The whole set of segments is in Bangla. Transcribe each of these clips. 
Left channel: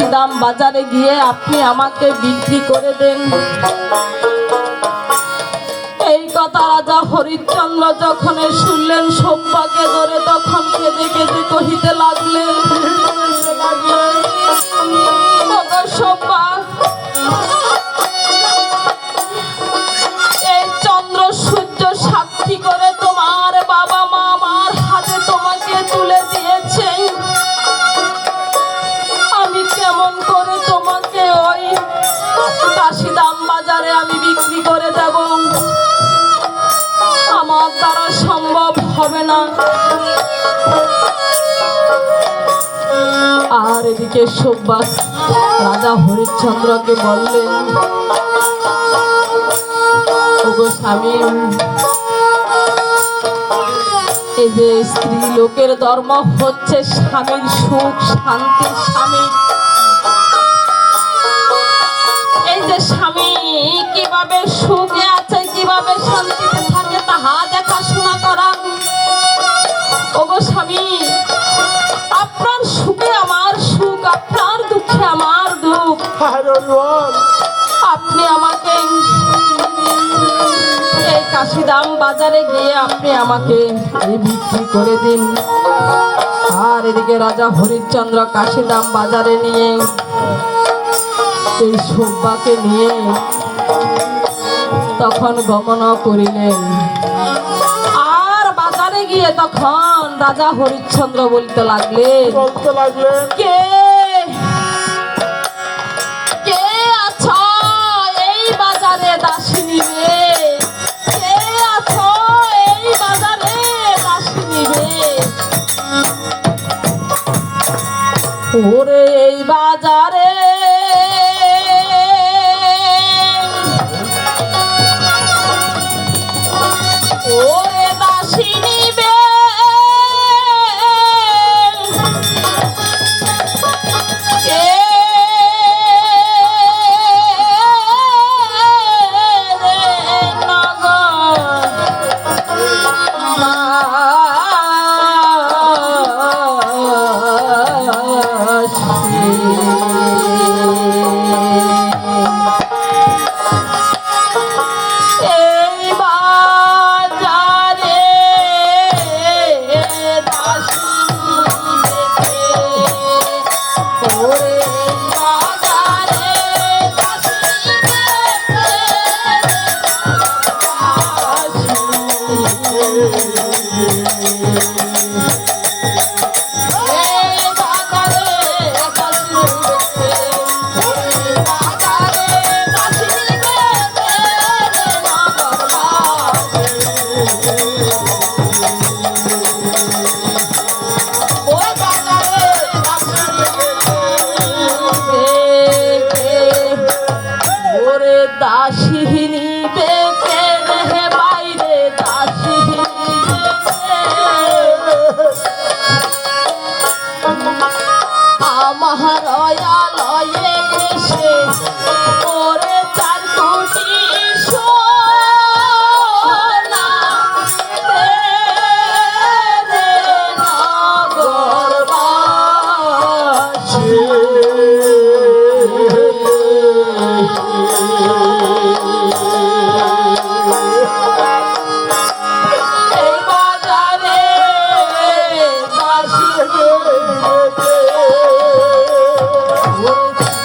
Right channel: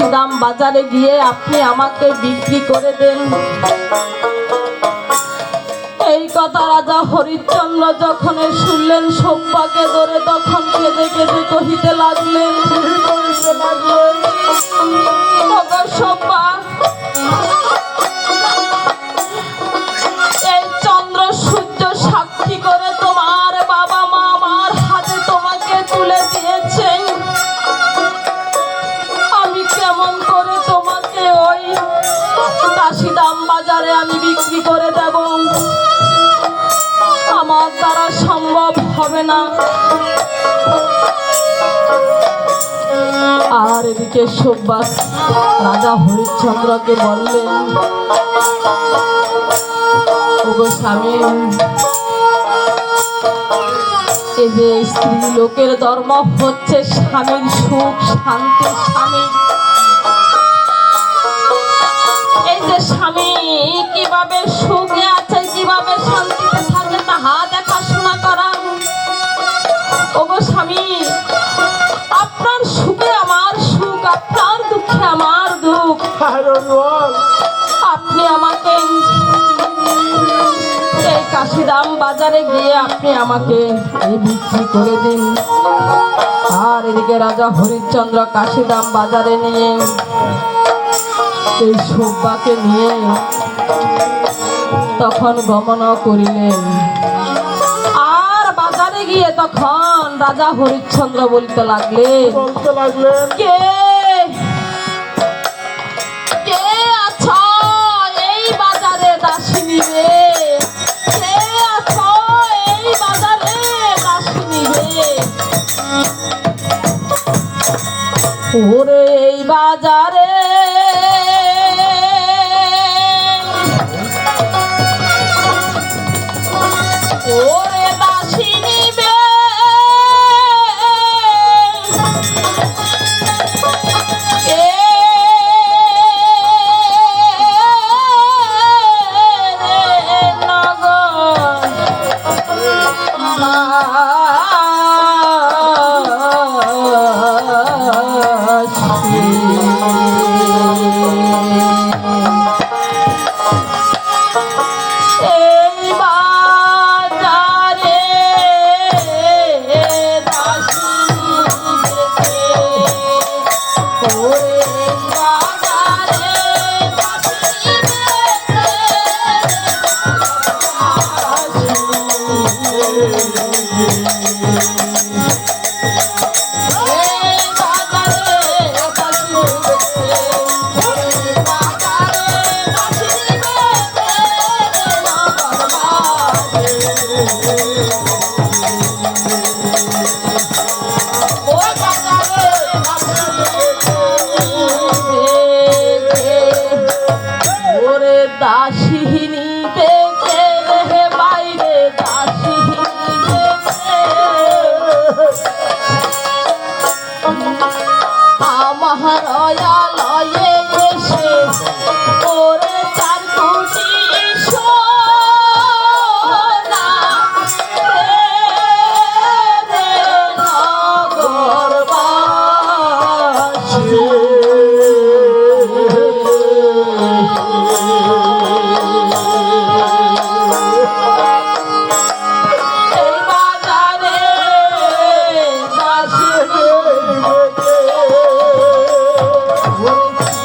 কাশিদাম বাজারে গিয়ে আপনি আমাকে বিক্রি করে দেন। এই কথা রাজা হরিচন্দ্র যখন শুনলেন সোমবাকে ধরে তখন কেঁদে কেঁদে কহিতে লাগলেন সুব্বাস রাজা হরিশ্চন্দ্রকে বললেন স্বামী এই যে স্ত্রী লোকের ধর্ম হচ্ছে স্বামীর সুখ শান্তি বাজারে গিয়ে আপনি আমাকে এই বিক্রি করে দিন। আর এদিকে রাজা হরিশ্চন্দ্র কাশিদাম বাজারে নিয়ে এই সব্বাকে নিয়ে তখন গমন করিলেন। আর বাজারে গিয়ে তখন রাজা হরিশ্চন্দ্র বলতে লাগলেন কে ওরে এই বাজারে ওরে 我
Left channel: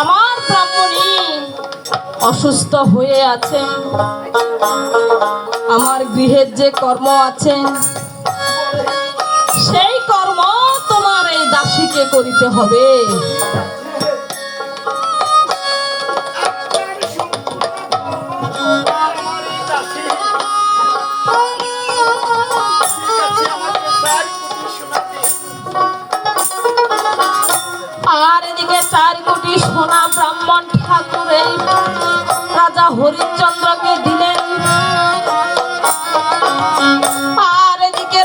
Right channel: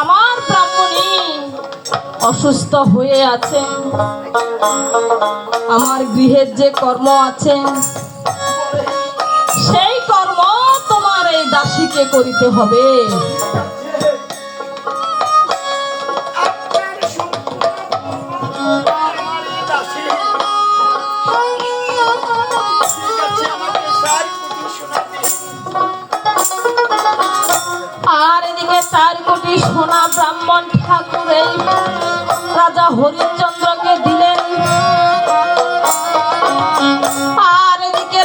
আমার ব্রাহ্মণী অসুস্থ হয়ে আছেন। আমার গৃহের যে কর্ম আছেন সেই কর্ম তোমার এই দাসীকে করিতে হবে। আর এদিকে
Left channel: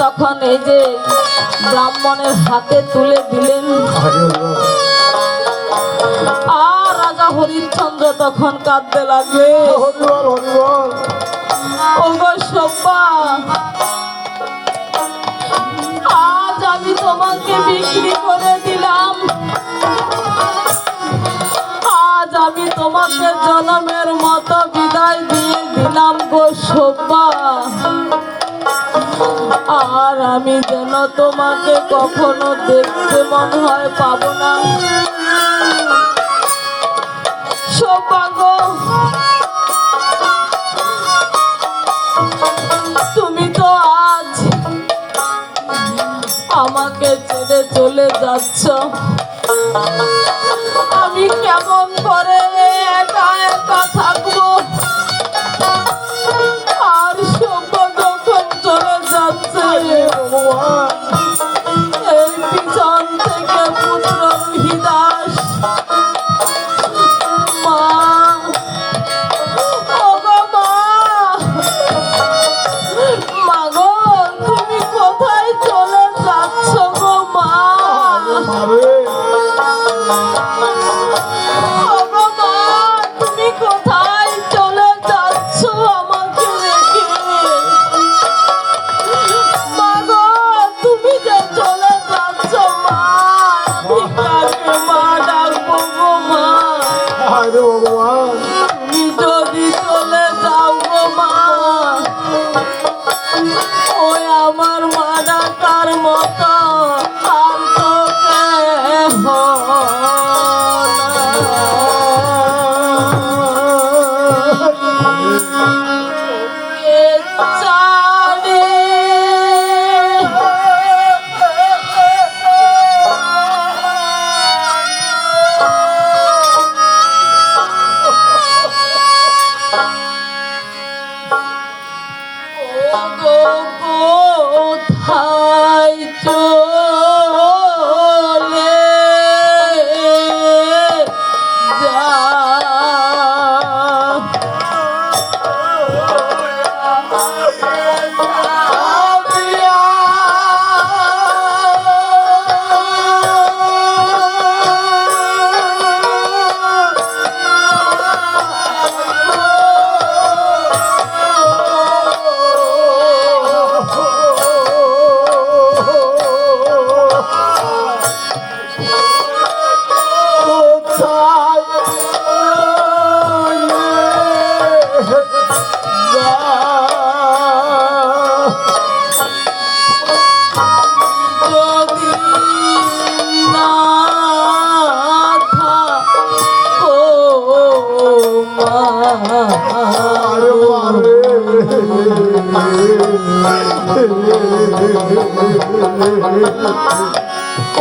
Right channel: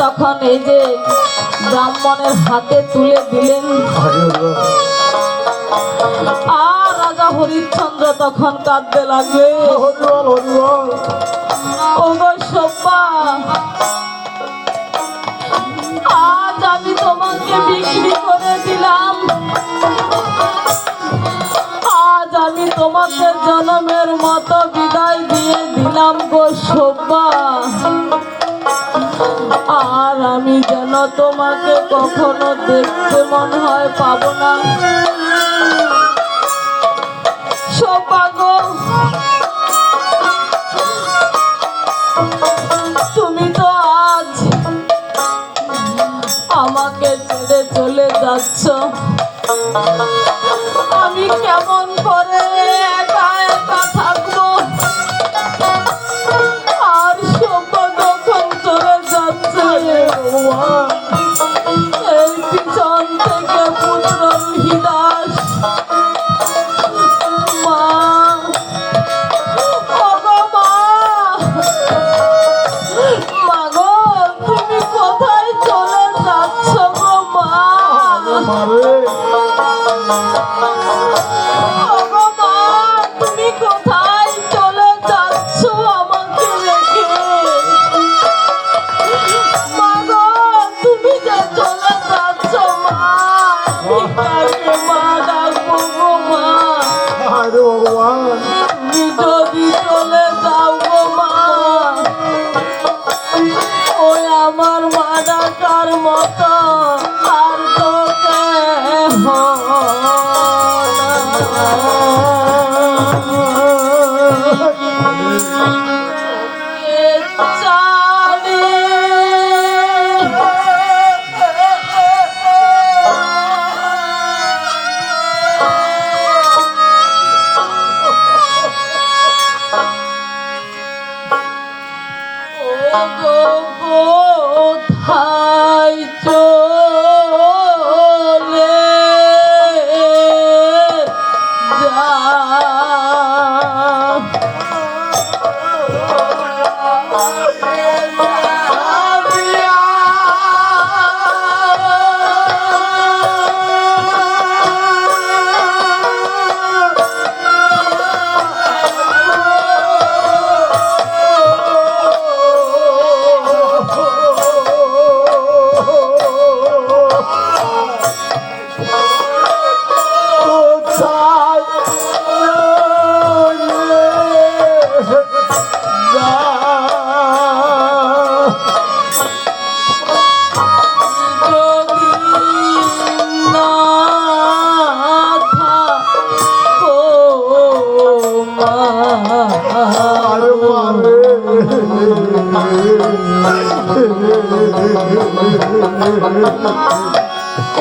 তখন এই যে ব্রাহ্মণের হাতে তুলে দিলেন। আর রাজা হরিশ্চন্দ্র তখন কাঁদতে লাগবে হরিবল হরিবল। তোমাকে কখনো দেখতে মন হয়, পাবো না। তুমি তো আজ আমাকে চলে আমি কেমন করে থাকব? আর সব চলে যাচ্ছে Oh,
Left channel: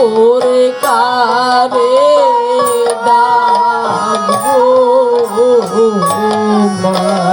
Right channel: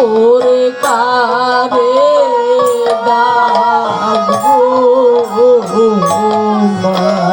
ওরে কারে ডাকবো মা।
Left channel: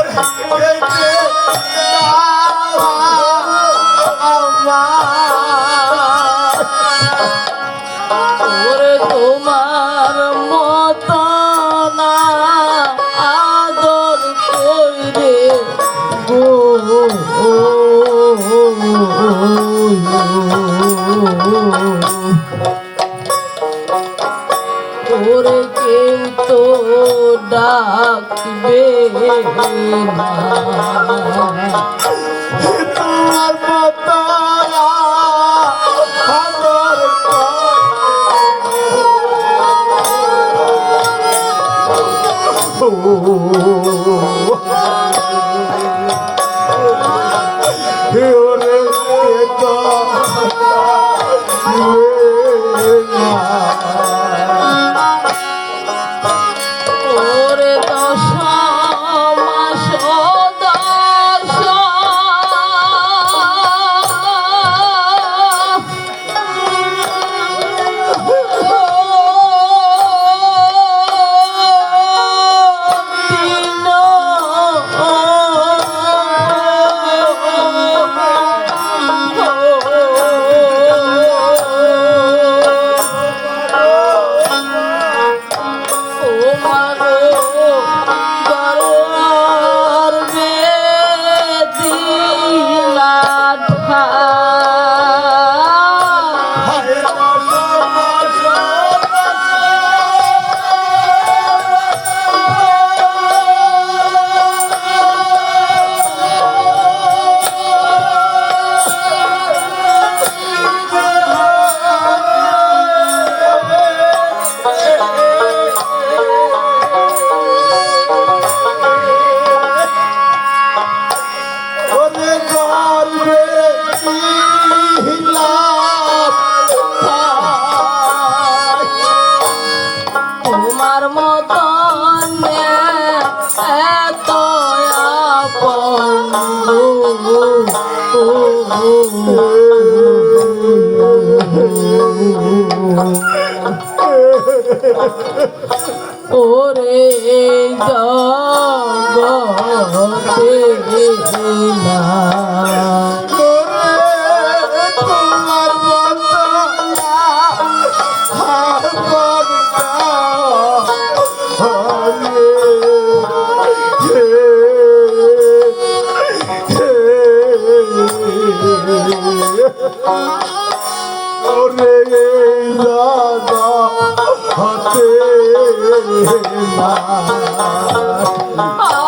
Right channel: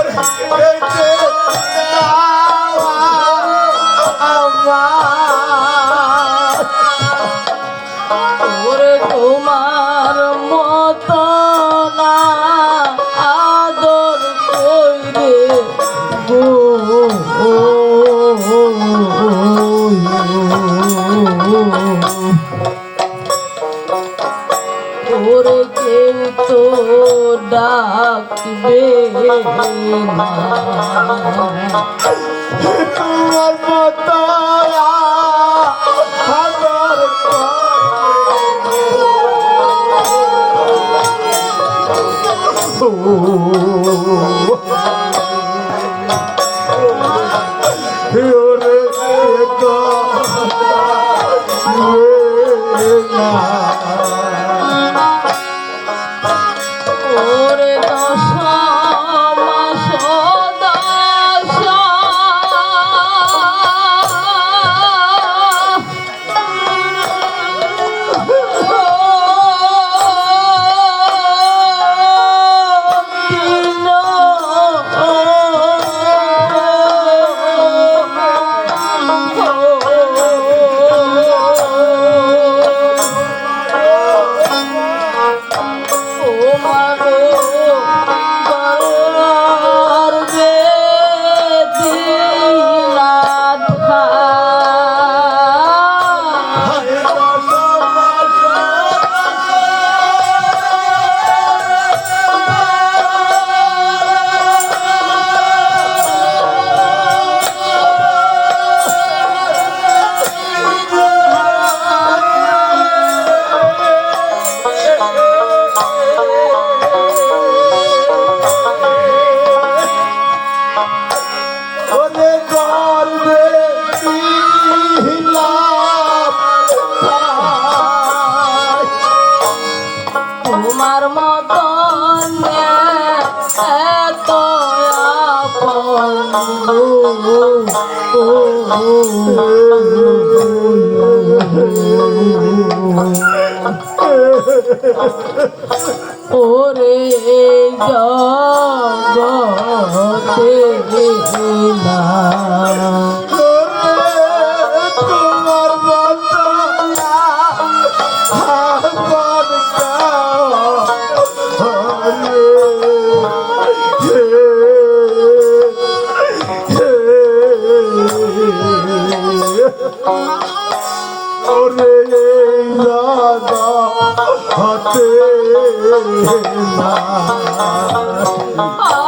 ওরে না ওরে জগতে ওরে রাজা হতে না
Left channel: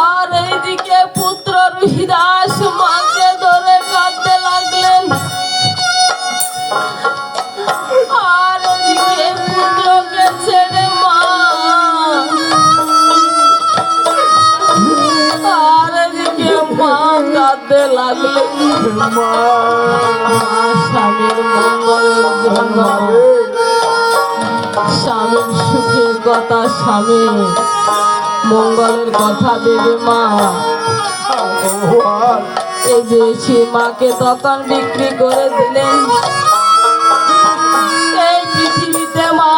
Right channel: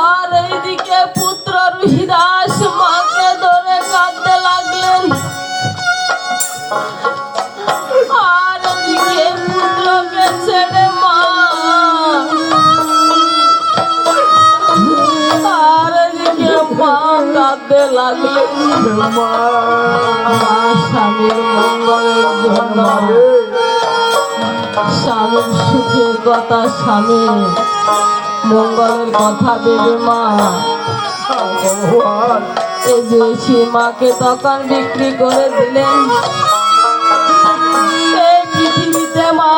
কথা স্বামী। মঙ্গলের কথা দেবে মা। এই যে সে মাকে তখন বিক্রি করে দিলেন। এই পৃথিবীতে মা